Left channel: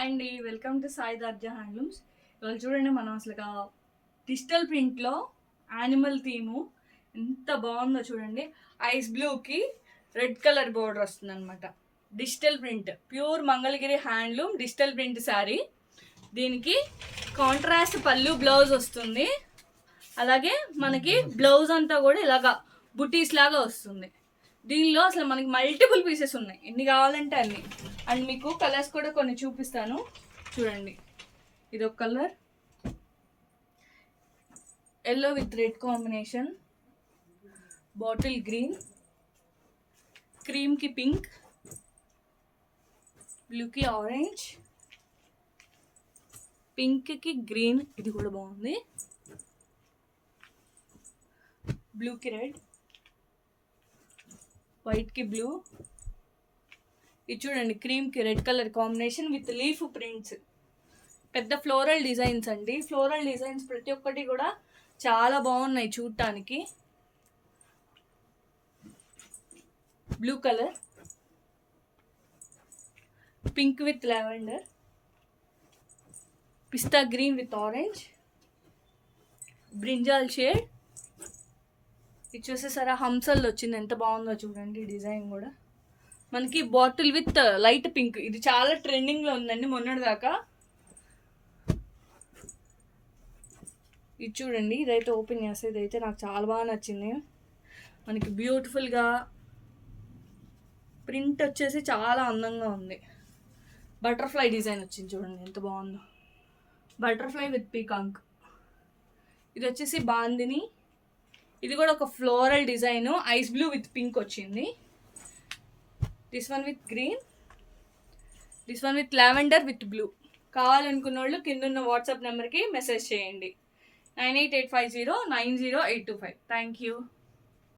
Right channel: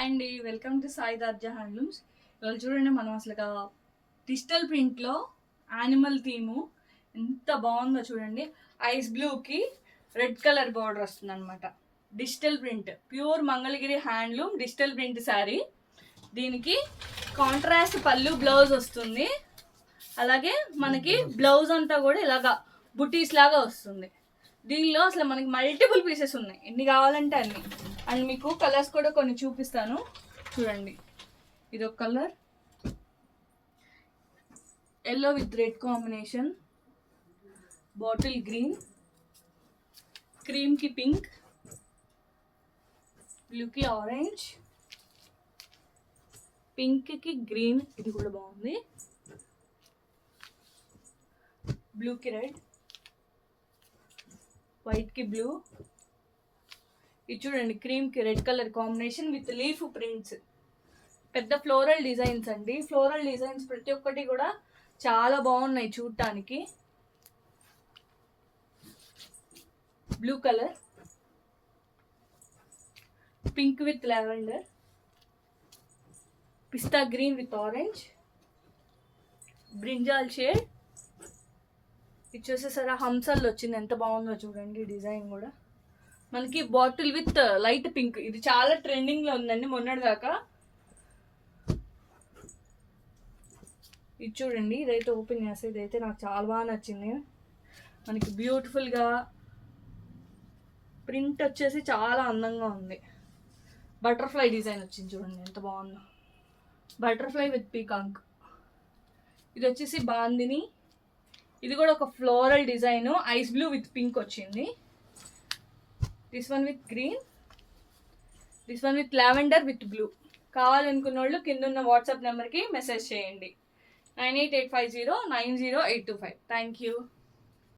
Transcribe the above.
Hi అండి, welcome to Sai దర్జా handlooms. ఇవాళ చూడండి, మనం అసలు డిజిటల్ ప్రింట్లో యానిమల్ థీము ఎంత బాగుందో చూడండి. ఐస్ బ్లూకి రెడ్ కలర్ బార్డర్ వస్తుంది అనమాట. Digital print, pure Mangalagiri handloom digital print sari. దీనికి కాంట్రాస్ట్ పళ్ళు బ్లౌజ్ వస్తుంది. అలాగే మనకి బ్లౌజ్ అంతా కూడా ఇలాగా బుటీస్ లాగా వస్తుంది. దీనిలో అసలు మనకి మల్టిపుల్ పీసెస్ ఉన్నాయి, ఎన్ని కావాలంటే అన్ని. అండ్ మీకు కలర్స్ కూడా కొన్ని చూపిస్తాను చూడండి. ఇది ఒక colour, yellow with red combination, bottle green, క్రీమ్కి పింక్, బ్లూకి ఆరెంజ్, పింక్కి గ్రీన్, ఇది కూడా బాగుంది, బ్లూకి రెడ్, వైట్కి బ్లూ. ఇది చూడండి, క్రీమ్కి red colour combination with leaf prints. పెద్ద ఫ్లోరల్ డిజైన్స్ అండి. ఫ్లోరల్ డిజైన్స్ ప్రతి ఒక్కటి కూడా చాలా బాగున్నాయి చూడటానికి. Blue colour, pink with lavender, పిస్తా green with orange, brinjal shade. ఇది చూసేసారా, హంసల్లో వచ్చింది, ఎంత బాగుందో చూడండి డిజైన్ కూడా. మనకి బాటిల్ విత్ లైట్ పింక్, ఇది చాలా ట్రెండింగ్లో ఉందండి మొన్నటిదాకా. ఇది చూడండి, ఇదైతే ఓపెన్ చేస్తే ఇదైతే నాకు చాలా బాగా నచ్చింది. మనకి బ్యూటిఫుల్గా ప్రింట్ వచ్చేసి చాలా అందంగా ఉంది. బటర్ఫ్లై డిజైన్ వచ్చింది చూడండి, ఎంత బాగుందో. Butterfly with peacock. ఇది వచ్చేసి బాందిని, ఇది కూడా ఒక floral design, ice blue with pink వచ్చింది. This one with green, this one with lavender with blue. కావాలనుకున్న వాళ్ళు కింద ఉన్న వాట్సాప్ నెంబర్కి మెసేజ్ చేయండి, 9885090825. Thank you.